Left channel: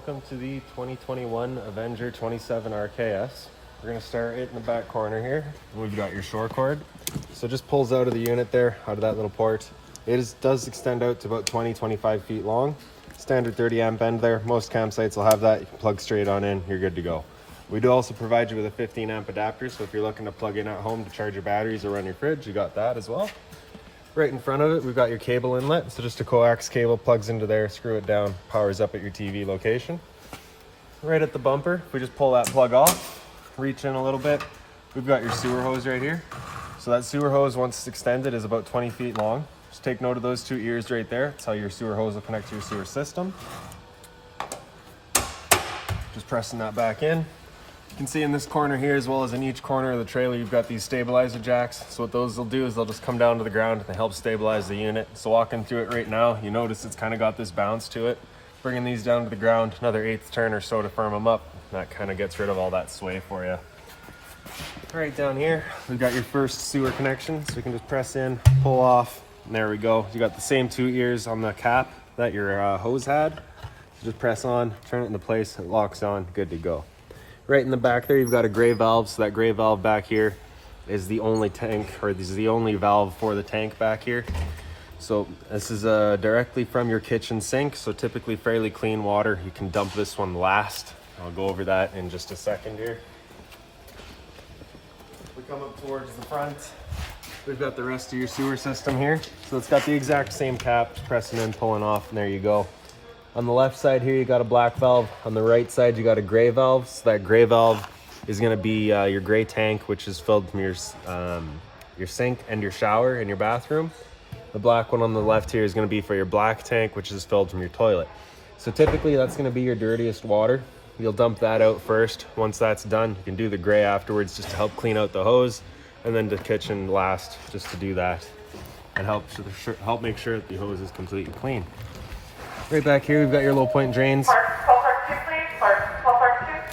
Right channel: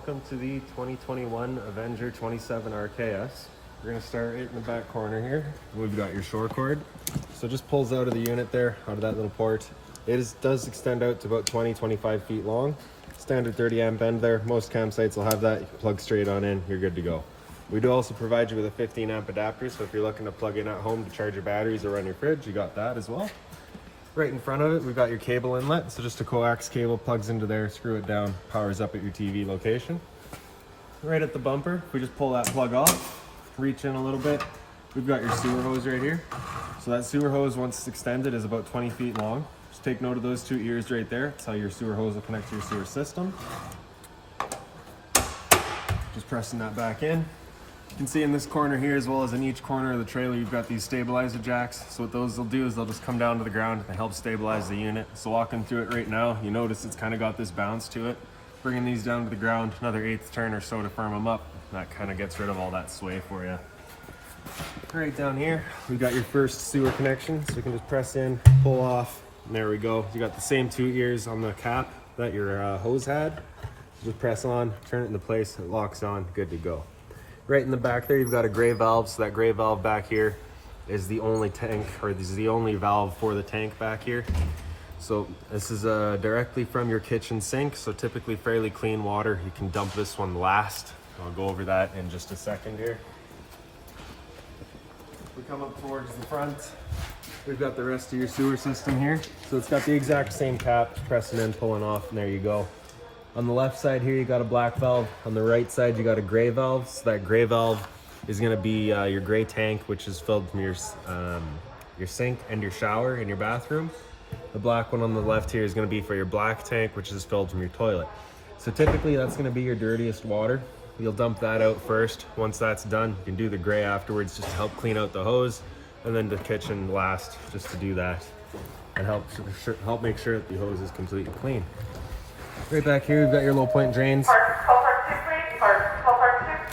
Welcome to the 2021 Avenger 27 RKS. We're going to start right in the back corner here. We've got your shore cord. So it just pulls out of the unit there, out of that little port. Does extend out to about 20-25 feet long. Standard 30 amp end there. Most campsites will have that. You can plug straight on in, you're good to go. We do also provide you with a 15 amp adapter, so if you're looking to plug in at home to charge your batteries or run your fridge, you got that as well. Right in front of it, we've got your cable inlet. So just a coax cable plugs into there, screw it down, powers up at your TV location. Right at the bumper, we just pull that plug off, reach in a little bit. We've got your sewer hose right here. So that sewer hose, once it's extended, is about 20 feet long. Just take note of those two ears right there. That's how your sewer hose will connect to your sewer system. Just pressing that back in. You can see in this corner here, as well as in each corner of the trailer, you've got these stabilizer jacks. So what those will do is they'll just come down to the ground and help stabilize the unit. So walking through it right now, you notice it's kind of got this bounce to it. Bringing these down to the ground, another 1/8 turn or so to firm them up. That kind of gets rid of all that sway for you. All right, down here, we've got your first sewer connection. So you can just press in, pull off, and there we go. You got the same two ears on the cap that your hose had. Just press on, turn it into place, it locks on, good to go. Right in the back there, you've got a gray valve. So that gray valve back here is the only tank, or this is the only valve for the tank back here. So this is directly from your kitchen sink. So typically fairly clean water. You can dump this one last. I'll go over that in just a second here. If we come up towards the front, we've got the rest of your sewer system here. So it's got the exact same cap, pressing in, pulling off, and there you go. On the left side here, you got a black valve. On the right side, you got a gray valve. So that gray valve is going to be your gray tank, which is filled from your sink and your shower in your bathroom. The black one on the left here is going to be for your black tank, which is filled from your toilet. So typically, that's going to be your dirtiest water. You'll dump that out first. Once that's done, you can do the gray afterwards just to help clean out the hose, and then the kitchen last just to do that and help make sure that the hose is completely clean. Right back here, we've got your low point drains.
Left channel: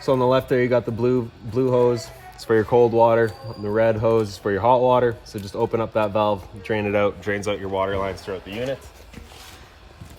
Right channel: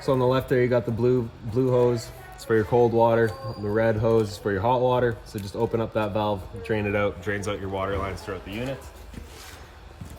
So on the left there, you got the blue hose. It's for your cold water. The red hose is for your hot water. So just open up that valve, drain it out, drains out your water lines throughout the unit.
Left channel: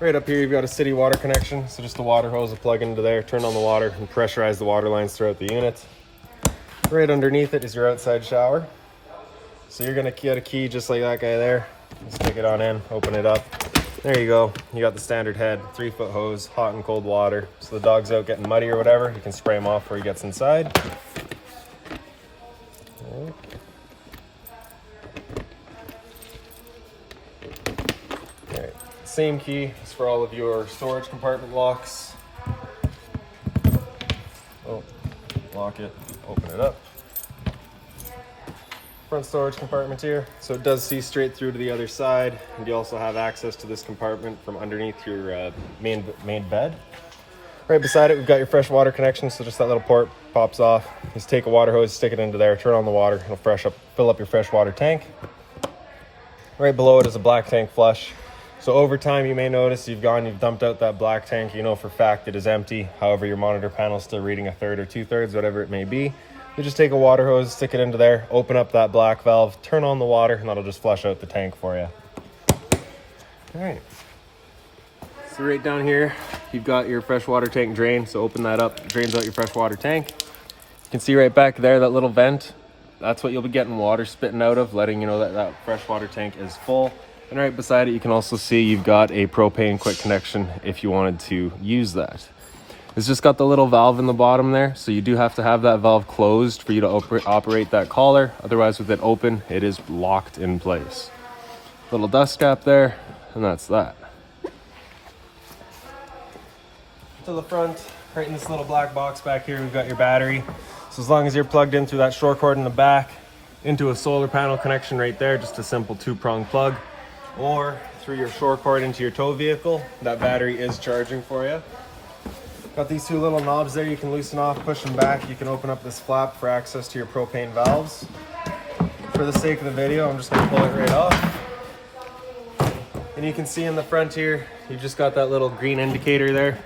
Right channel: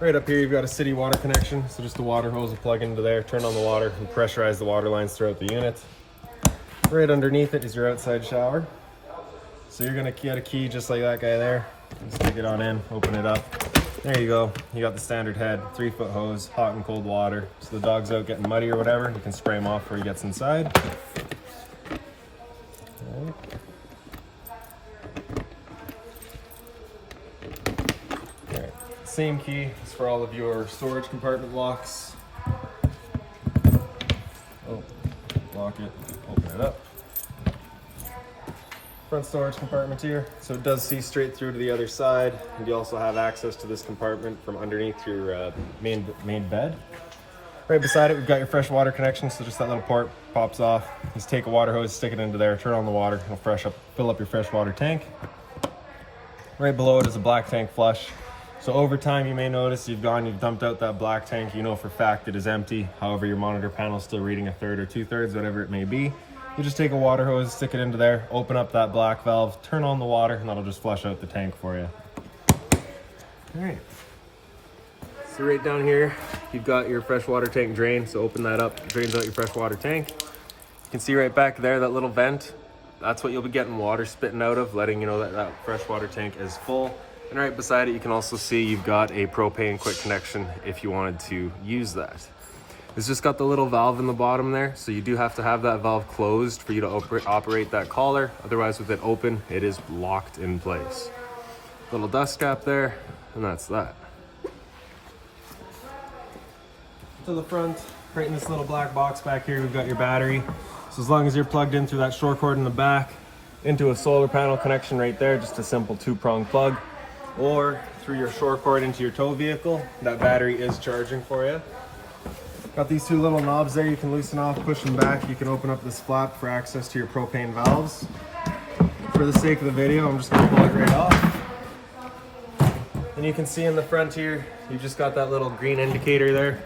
Right up here, you've got a city water connection. So just the water hose will plug into there, turn on the water, and pressurize the water lines throughout the unit. Right underneath it is your outside shower. So you're gonna get a key just like that guy there. Just stick it on in, open it up. There you go. You got the standard head, 3-foot hose, hot and cold water. So the dog's out getting muddy or whatever, you can spray him off before he gets inside. All right. Same key is for all of your storage compartment locks. Oh, lock it, open it up. Front storage compartment here, so it does see straight through to the other side, and you also have access to this compartment from underneath your main bed. Right beside it, we've got your fresh water connection, so just that little port pops off. Just take a water hose, stick it into there, turn on the water, it'll fill up your fresh water tank. Right below it is a black tank flush. So over time, you may notice you've dumped out that black tank. You know for a fact it is empty. However, your monitor panel is still reading 1/3 or 2/3, whatever it may be. You just take a water hose, stick it into there, open up that black valve, turn on the water, and that'll just flush out the tank for you. All right. So right down here, you've got your freshwater tank drain. So open that up, drains out your freshwater tank. You can see right back there, that little vent. That's what you'll be getting water spitting out of, letting you know that that freshwater tank is full. And right beside it, you can also see you've got a propane quick connection if you wanted to use that. It's just got the little valve in the bottom there, so you do have to have that valve closed for you to operate that collar. Otherwise, with it open, it is locked in place. Little dust cap there, and that's that. To the front, right in this little black box back here, we've got your battery. So as long as you're plugged in through that shore cord in the back, into a solar panel connection right there, just a simple 2-prong plug, or through your shore cord into your tow vehicle, that battery is charging for you. Got these two little knobs there you can loosen off, push them back. You can open up this flap for access to your propane valves. For the sake of the video, I'm just gonna pull it right off. And you can see in the front here, you've just got that little green indicator there.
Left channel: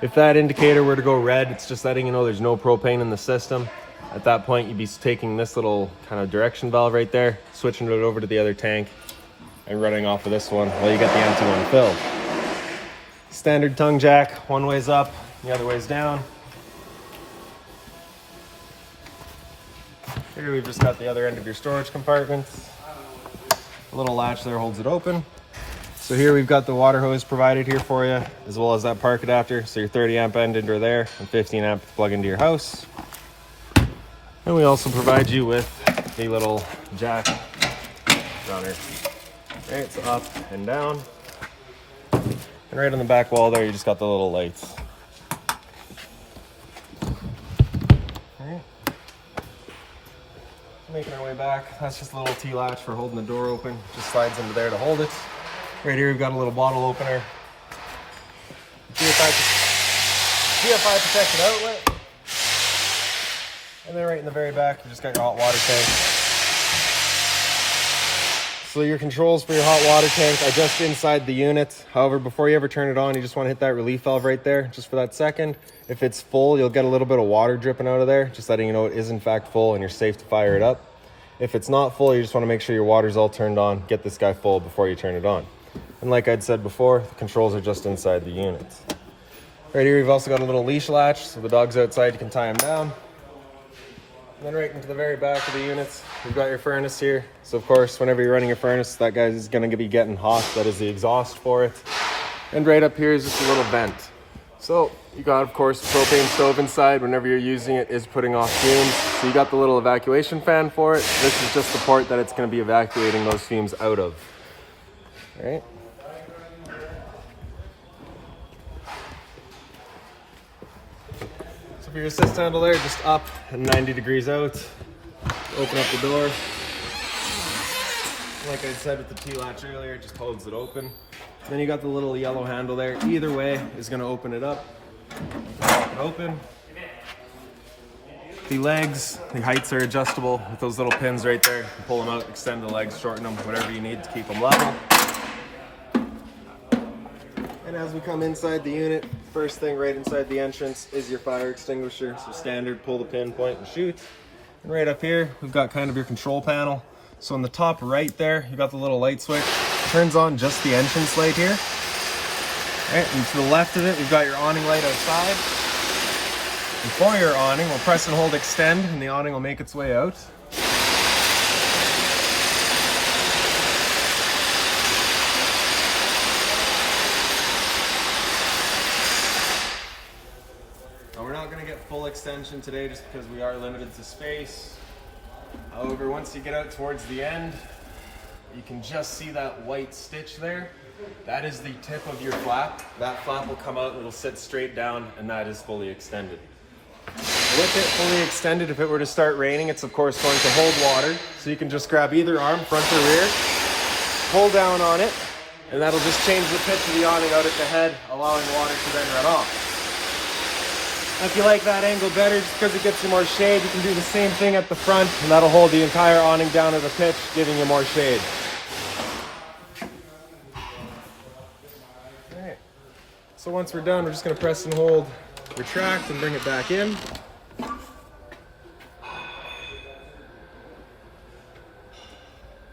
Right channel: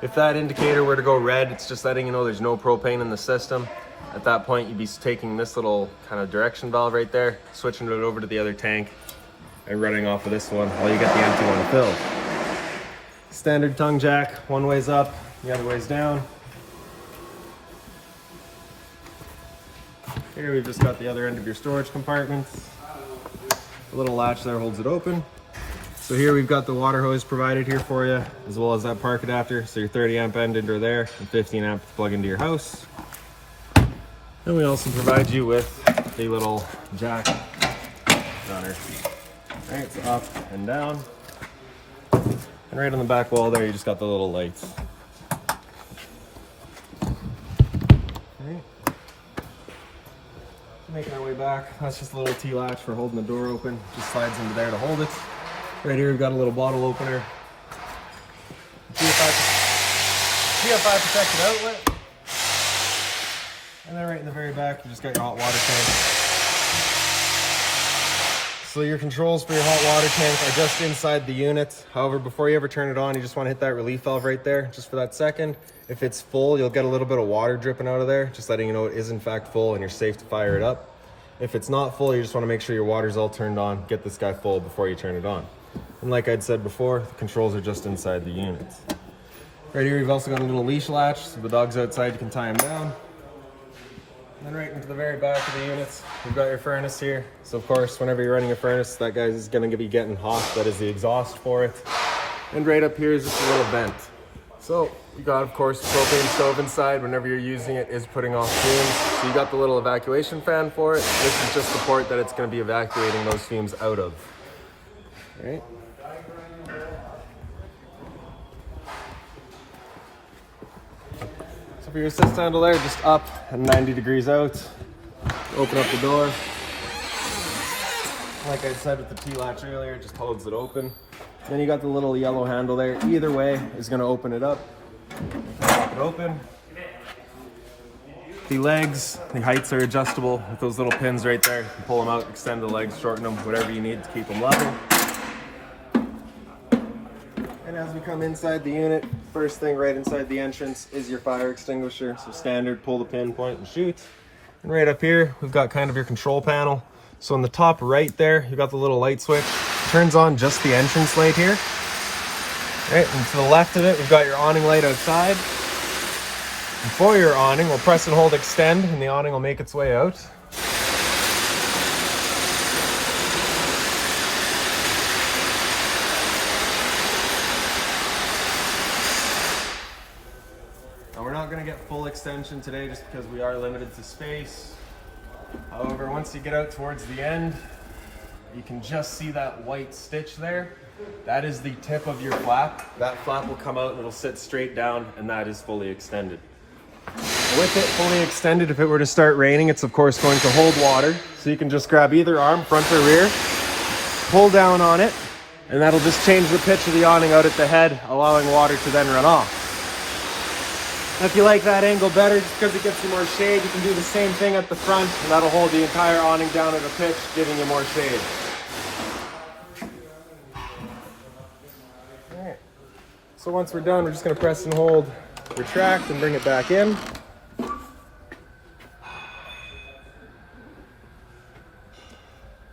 If that indicator were to go red, it's just letting you know there's no propane in the system. At that point, you'd be taking this little kind of direction valve right there, switching it over to the other tank, and running off of this one while you get the empty one filled. Standard tongue jack, one way's up, The other way's down. Here we've just got the other end of your storage compartment. The little latch there holds it open. So here we've got the water hose provided here for you, as well as that park adapter. So your 30 amp end into there and 15 amp to plug into your house. And we also provide you with a little jack down here. Right, so up and down. And right on the back wall there, you just got the little lights. Right. Making our way back, that's just a little T-latch for holding the door open. Just slides into there to hold it. Right here we've got a little bottle opener. GFI protected outlet. And then right in the very back, you just got your hot water tank. So your controls for your hot water tank are just inside the unit. However, before you ever turn it on, you just want to hit that relief valve right there, just for that second. If it's full, you'll get a little bit of water dripping out of there, just letting you know it is in fact full and you're safe to fire it up. If it's not full, you just want to make sure your water's all turned on. Get this guy full before you turn it on. And like I'd said before, the controls are just inside the unit. Right here, we've also got a little leash latch, so the dog's outside, you can tie him down. And then right into the very back of the unit, we've got your furnace here. So of course, whenever you're running your furnace, that guy is going to be getting hot. That is the exhaust for it. And right up here is just a little vent. So you got, of course, the propane stove inside. Whenever you're using it, is putting off fumes. So you got the little evacuation fan for it. This is just the port that it's going to be evacuating those fumes out of. All right. So for your assist handle there, just up and 90 degrees out. Open up the door. Like I said with the T-latch earlier, it just holds it open. Then you got the little yellow handle there. Either way is going to open it up. Pop it open. The legs, the heights are adjustable with those little pins right there. You pull them out, extend the legs, shorten them, whatever you need to keep them level. And as we come inside the unit, first thing right inside the entrance is your fire extinguisher. So standard, pull the pin, point, and shoot. And right up here, we've got kind of your control panel. So on the top right there, you've got the little light switch. Turns on just the entrance light here. Right, and to the left of it, we've got your awning light outside. And for your awning, we'll press and hold extend, and the awning will make its way out. Now we're not going to get full extension today just because we are limited to space. However, once you get out towards the end, you can just see that white stitch there. That is the tip of your flap. That flap will come out and it'll sit straight down, and that is fully extended. With it fully extended, if it were to start raining, it's of course going to hold water. So you can just grab either arm, front or rear, pull down on it, and that'll just change the pitch of the awning out at the head, allowing water to then run off. If you like that angle better, just because it gets you more shade, you can do the same thing at the front, and that'll hold the entire awning down at a pitch, giving you more shade. Alright, so once we're done, we're just going to press and hold, retract, and bring it back in.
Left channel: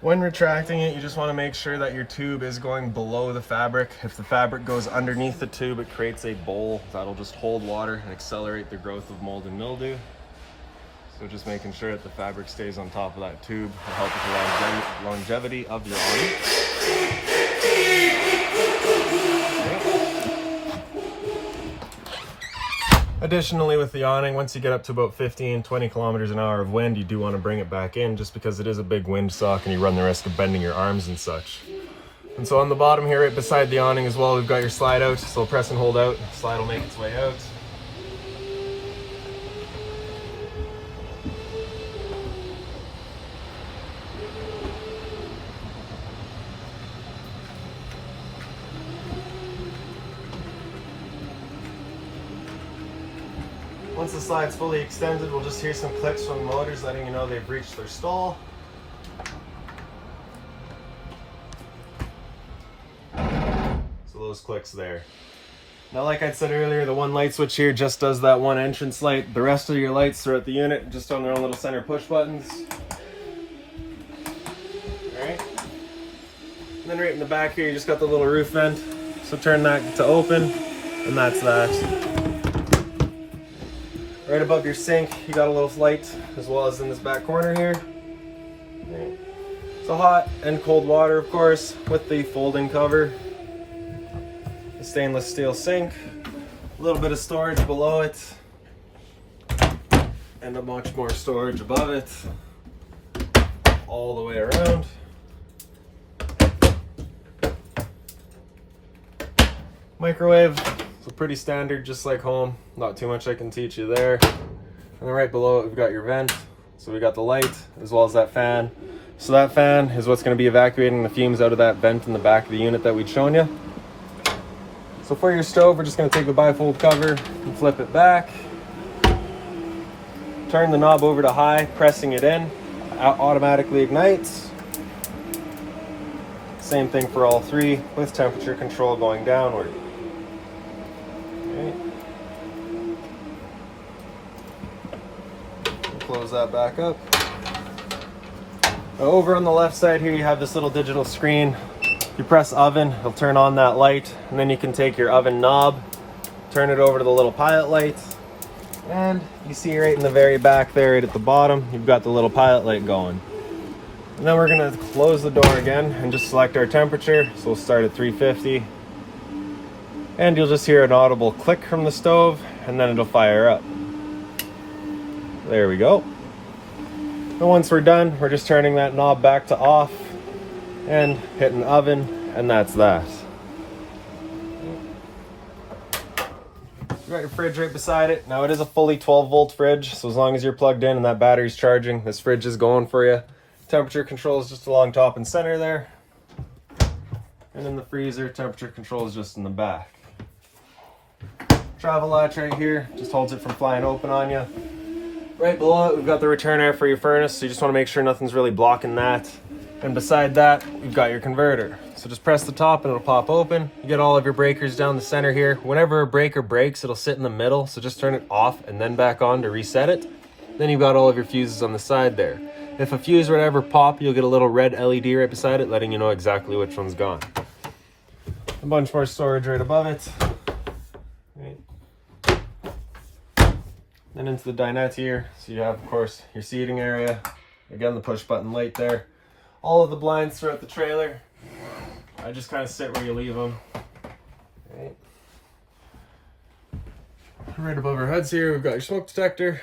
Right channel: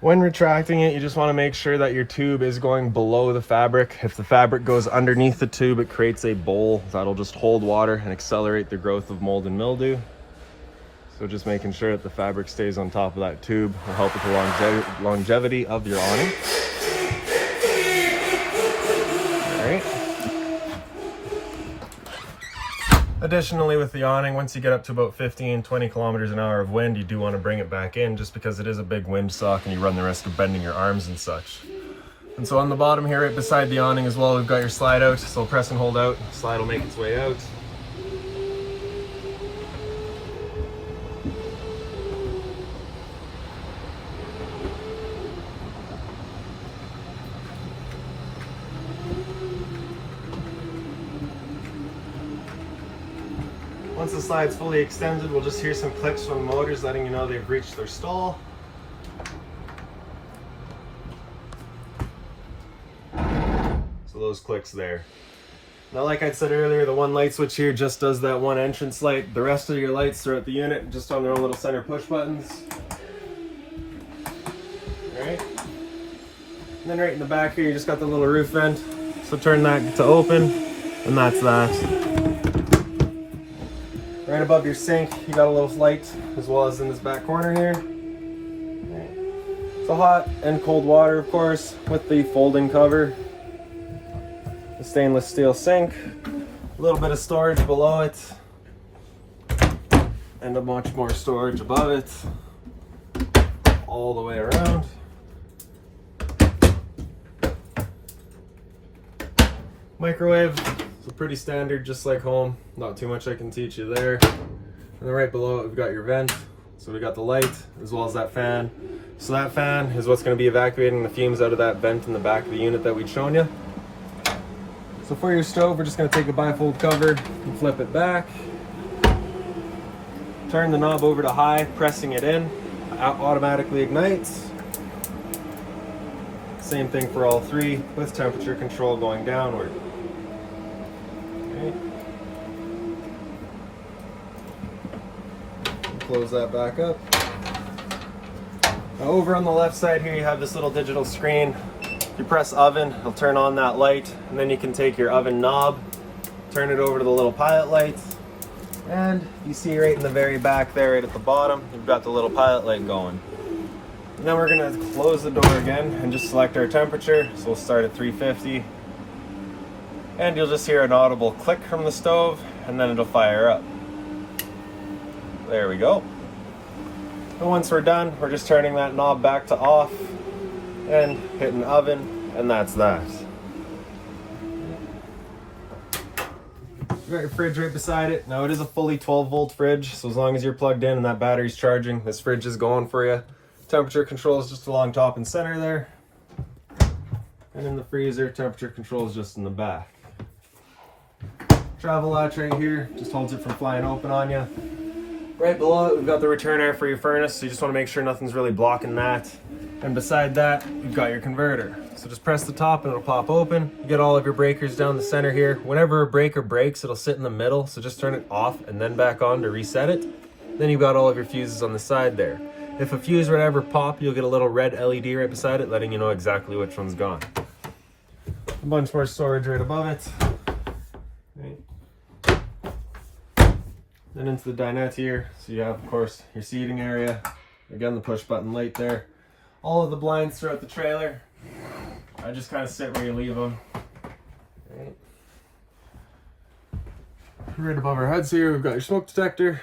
When retracting it, you just want to make sure that your tube is going below the fabric. If the fabric goes underneath the tube, it creates a bowl that'll just hold water and accelerate the growth of mold and mildew. So just making sure that the fabric stays on top of that tube will help with the longevity of your awning. Additionally, with the awning, once you get up to about 15-20 kilometers an hour of wind, you do want to bring it back in just because it is a big windsock and you run the risk of bending your arms and such. And so on the bottom here, right beside the awning as well, we've got your slide out. So press and hold out, the slide will make its way out. Once the slide's fully extended, we'll just hear some clicks from the motors letting you know they've reached their stall. So those clicks there. Now, like I said earlier, the one light switch here just does that one entrance light. The rest of your lights throughout the unit just on their own little center push buttons. Alright. And then right in the back here, you just got the little roof vent. So turn that to open, and that's that. Right above your sink, you got a little light, as well as in this back corner here. Right. So hot and cold water, of course, with the folding cover. The stainless steel sink, a little bit of storage below it, and a much more storage above it, all the way around. Microwave, so pretty standard, just like home. Not too much I can teach you there. And then right below it, we've got your vent. So we got the light, as well as that fan. So that fan is what's going to be evacuating the fumes out of that vent in the back of the unit that we'd shown you. So for your stove, we're just going to take the bifold cover and flip it back. Turn the knob over to high, pressing it in. Automatically ignites. Same thing for all three, with temperature control going downward. Okay. Close that back up. Over on the left side here, you have this little digital screen. You press oven, it'll turn on that light, and then you can take your oven knob, turn it over to the little pilot light, and you see right in the very back there, right at the bottom, you've got the little pilot light going. And then we're gonna close the door again and just select our temperature. So we'll start at 350. And you'll just hear an audible click from the stove, and then it'll fire up. There we go. And once we're done, we're just turning that knob back to off and hitting oven, and that's that. You got your fridge right beside it. Now it is a fully 12-volt fridge, so as long as you're plugged in and that battery's charging, this fridge is going for you. Temperature control is just along top and center there. And in the freezer, temperature control is just in the back. Travel latch right here, just holds it from flying open on you. Right below it, we've got the return air for your furnace, so you just want to make sure nothing's really blocking that. And beside that, you've got your converter. So just press the top and it'll pop open. You get all of your breakers down the center here. Whenever a breaker breaks, it'll sit in the middle, so just turn it off and then back on to reset it. Then you've got all of your fuses on the side there. If a fuse were to ever pop, you'll get a little red LED right beside it, letting you know exactly which one's gone. A bunch more storage right above it. Right. Then into the dinette here. So you have, of course, your seating area. Again, the push button light there. All of the blinds throughout the trailer. I just kind of sit where you leave them. Right. Right above our heads here, we've got your smoke detector.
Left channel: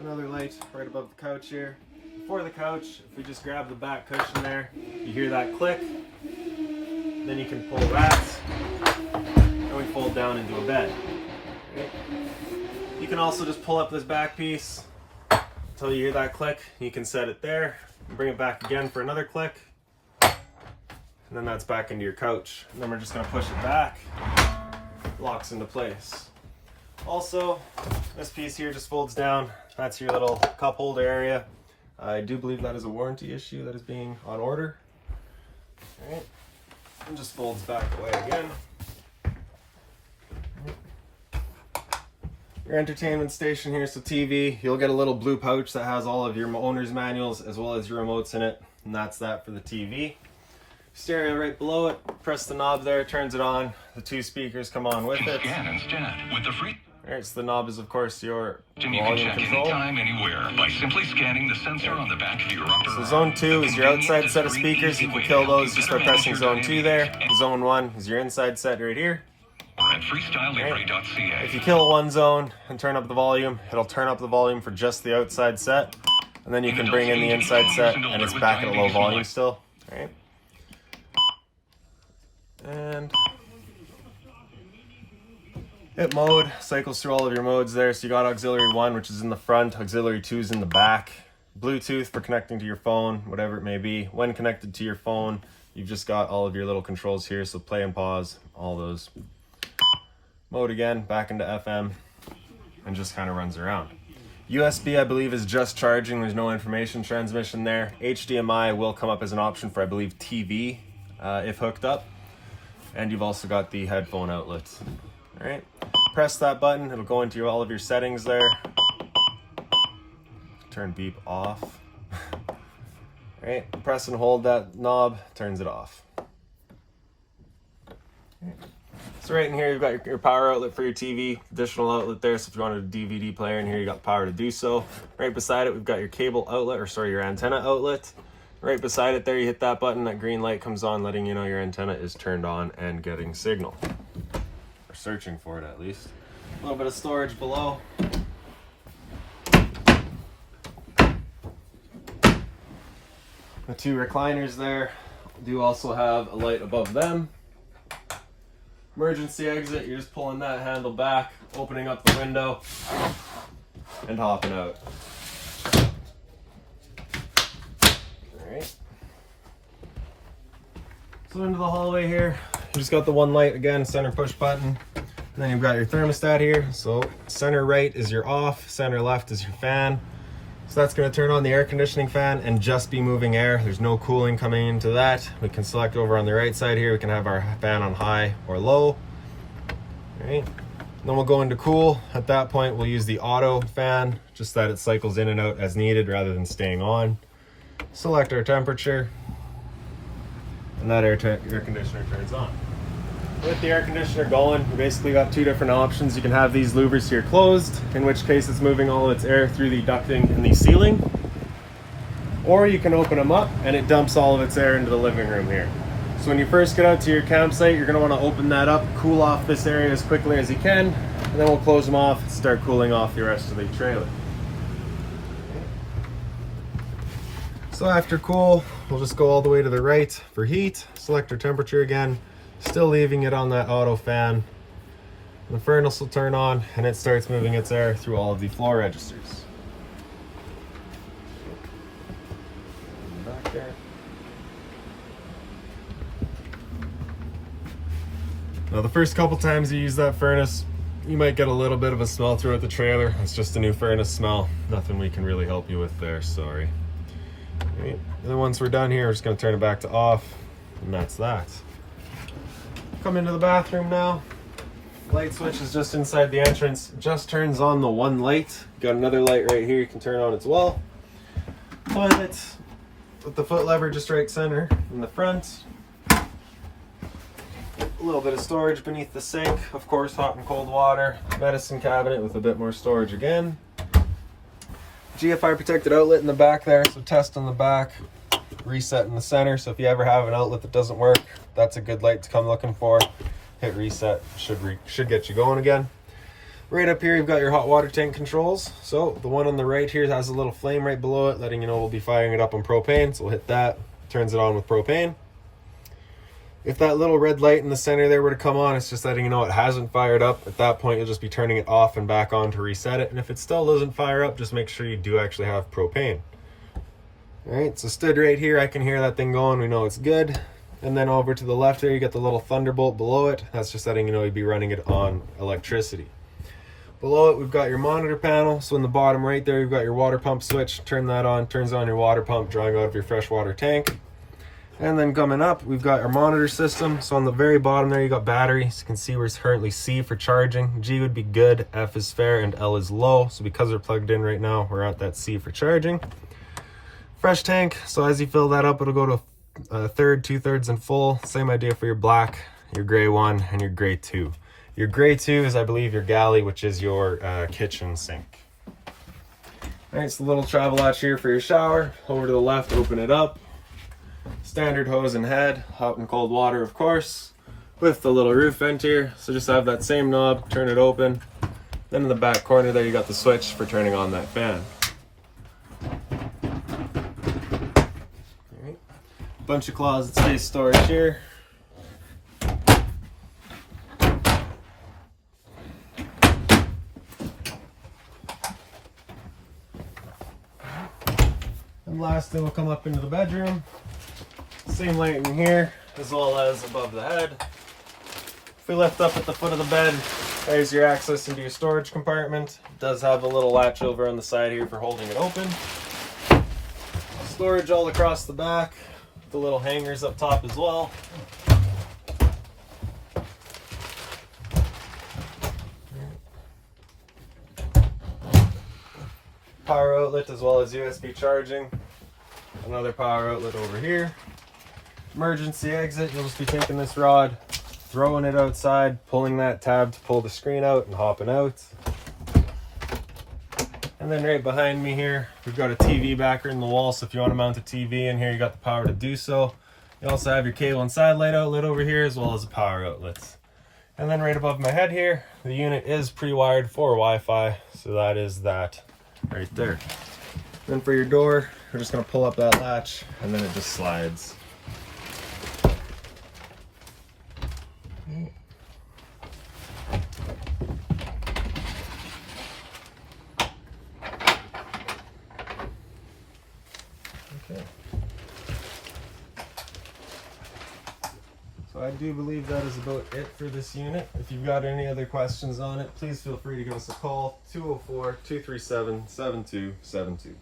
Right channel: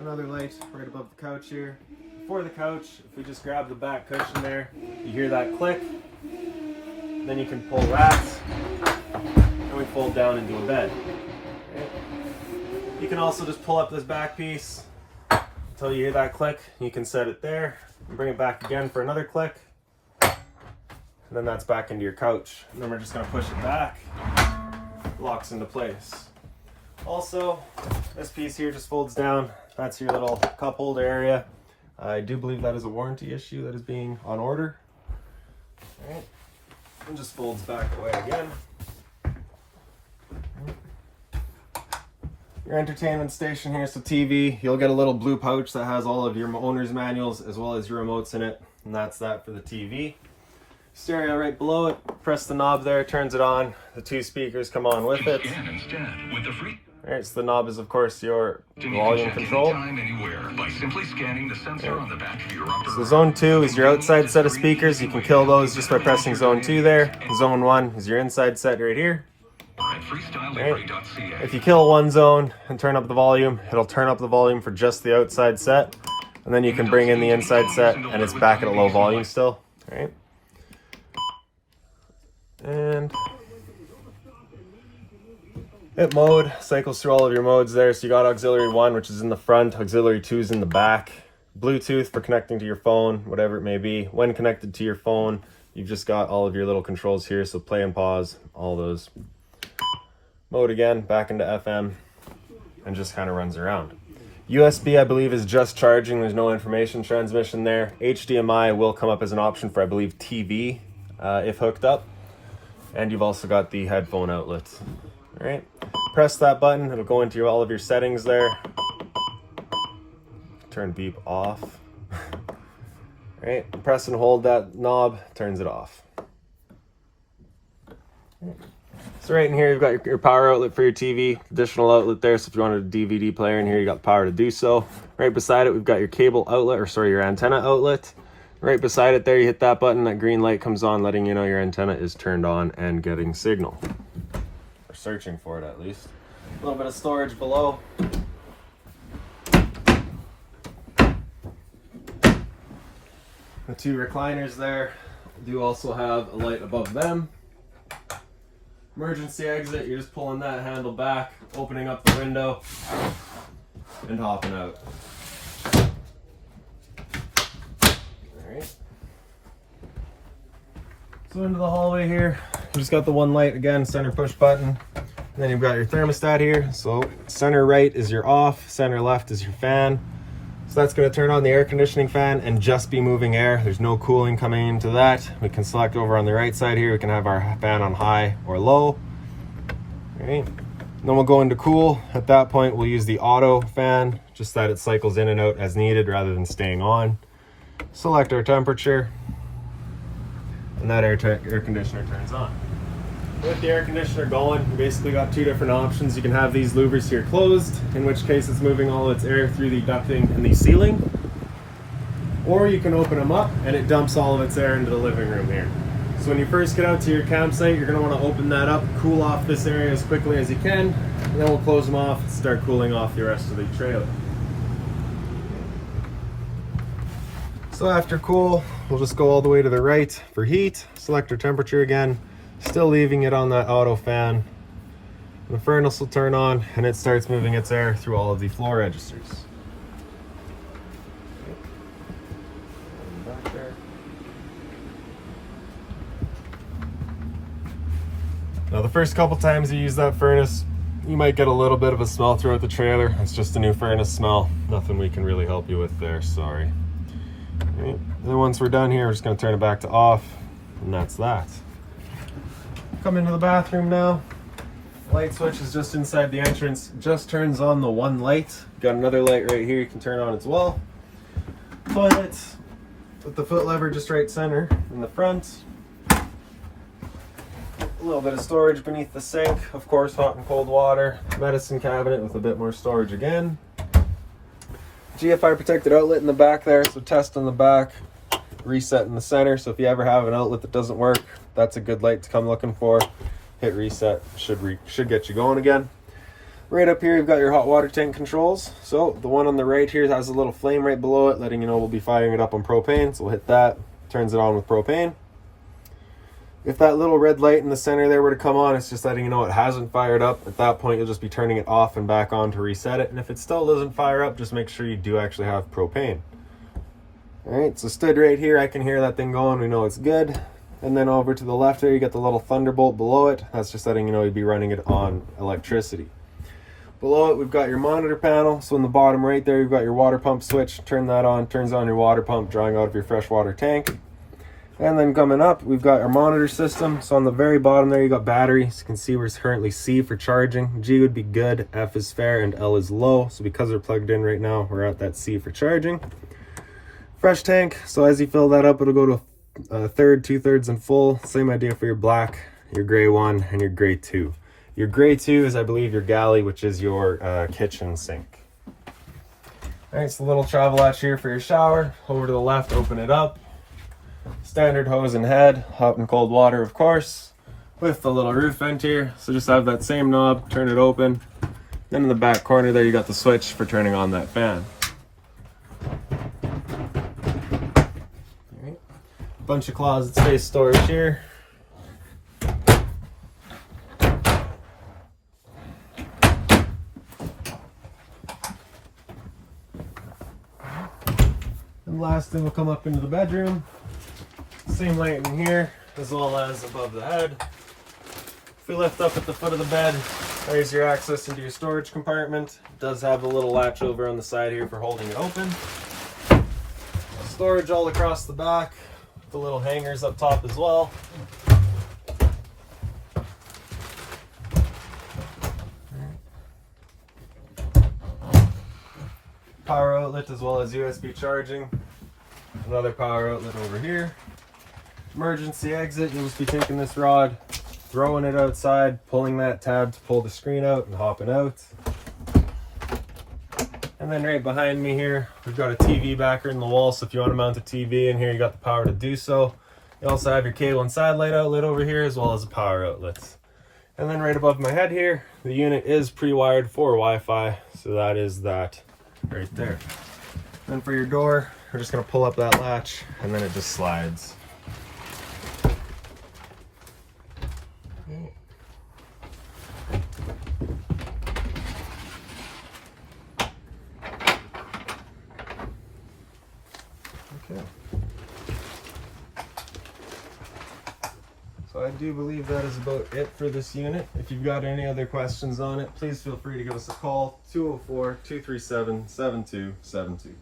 Another light right above the couch here. Before the couch, if we just grab the back cushion there, you hear that click. Then you can pull that, and we fold down into a bed. Okay. You can also just pull up this back piece until you hear that click. You can set it there and bring it back again for another click. And then that's back into your couch. And then we're just going to push it back. Locks into place. Also, this piece here just folds down. That's your little cup holder area. I do believe that is a warranty issue that is being on order. All right. And just folds back away again. Your entertainment station here, so TV. You'll get a little blue pouch that has all of your owner's manuals as well as your remotes in it. And that's that for the TV. Stereo right below it. Press the knob there, turns it on. The two speakers come on with it. Scan instead with the free. Alright, so the knob is of course your volume control. Anytime, anywhere by simply scanning the sensor on the back of your upper. So zone 2 is your outside set of speakers. You can kill those just by pressing zone 2 there. Zone 1 is your inside set right here. At freestylelibre.ca. If you kill one zone and turn up the volume, it'll turn up the volume for just the outside set. And then you can bring in the inside set and it's back at a low volume still. Alright. And hit mode, cycles through all of your modes there. So you got auxiliary 1, which is in the front, auxiliary 2 is in the back. Bluetooth for connecting to your phone, whatever it may be. When connected to your phone, you've just got all of your little controls here, so play and pause, all those. Mode again, back into FM, and just kind of runs around. USB, I believe, is just charging. There's no information transmission there. HDMI will come up as an option for, I believe, TV, if hooked up. And you've also got the headphone outlets. All right, press that button. It'll go into all of your settings there. Turn beep off. All right, press and hold that knob, turns it off. So right in here, you've got your power outlet for your TV, additional outlet there. So if you wanted a DVD player in here, you got the power to do so. Right beside it, we've got your cable outlet, or sorry, your antenna outlet. Right beside it there, you hit that button, that green light comes on, letting you know your antenna is turned on and getting signal. Or searching for it at least. A little bit of storage below. The two recliners there do also have a light above them. Emergency exit, you're just pulling that handle back, opening up the window, and hopping out. Alright. So into the hallway here, you just got the one light again, center push button. And then you've got your thermostat here. So center right is your off, center left is your fan. So that's going to turn on the air conditioning fan and just be moving air. There's no cooling coming into that. We can select over on the right side here. We can have our fan on high or low. All right. Then we'll go into cool. At that point, we'll use the auto fan, just that it cycles in and out as needed rather than staying on. Select our temperature, and that air conditioner turns on. With the air conditioner going, you basically got two different options. You can have these louvers here closed, in which case it's moving all its air through the ducting in the ceiling. Or you can open them up and it dumps all of its air into the living room here. So when you first get out to your campsite, you're going to want to open that up, cool off this area as quickly as you can, and then we'll close them off and start cooling off the rest of the trailer. So after cool, we'll just go all the way to the right for heat, select our temperature again, still leaving it on that auto fan. The furnace will turn on and it starts moving its air through all of the floor registers. Back there. Now the first couple times you use that furnace, you might get a little bit of a smell throughout the trailer. It's just a new furnace smell. Nothing we can really help you with there, sorry. All right. Then once we're done here, we're just going to turn it back to off, and that's that. Come into the bathroom now. Light switch is just inside the entrance. Just turns on the one light. Got another light right here you can turn on as well. Toilet with the foot lever just right center in the front. A little bit of storage beneath the sink. Of course, hot and cold water. Medicine cabinet with a bit more storage again. GFI protected outlet in the back there. So test on the back. Reset in the center. So if you ever have an outlet that doesn't work, that's a good light to come looking for. Hit reset, should get you going again. Right up here, you've got your hot water tank controls. So the one on the right here has a little flame right below it, letting you know we'll be firing it up on propane. So we'll hit that, turns it on with propane. If that little red light in the center there were to come on, it's just letting you know it hasn't fired up. At that point, you'll just be turning it off and back on to reset it. And if it still doesn't fire up, just make sure you do actually have propane. All right, so stood right here, I can hear that thing going. We know it's good. And then over to the left there, you get the little thunderbolt below it. That's just letting you know you'd be running it on electricity. Below it, we've got your monitor panel. So in the bottom right there, you've got your water pump switch. Turn that on, turns on your water pump, drawing out of your freshwater tank. And then coming up, we've got our monitor system. So on the very bottom there, you got batteries. You can see we're currently C for charging. G would be good, F is fair, and L is low. So because they're plugged in right now, we're at that C for charging. Fresh tank, so as you fill that up, it'll go to a third, 2/3, and full. Same idea for your black, your gray one, and your gray two. Your gray two is, I believe, your galley, which is your kitchen sink. All right, so the little travel latch here for your shower. Over to the left, open it up. Standard hose and head, hot and cold water, of course, with the little roof vent here. So just have that same knob, turn it open. Then in the back corner there, you got the switch for turning on that fan. Bunch of closet space storage here. And lastly, we'll come up into the bedroom. Same light in here, as well as above the head. If you lift up at the foot of the bed, there's your access into your storage compartment. It does have a little latch over on the side here for holding it open. Storage all across the back. The little hangers up top as well. Power outlet as well as USB charging. Another power outlet over here. Emergency exit, you'll just be taking this rod, throwing it outside, pulling that tab to pull the screen out and hopping out. And then right behind me here, we've got a TV backer in the wall, so if you want to mount a TV in here, you got the power to do so. You also have your cable and satellite outlet over here, as well as the power outlets. And then right above my head here, the unit is pre-wired for Wi-Fi, so that is that right there. Then for your door, we're just going to pull up that latch, and then it just slides. So I do believe that is about it for this unit. If you've got any other questions on it, please feel free to give us a call, 204-237-7272.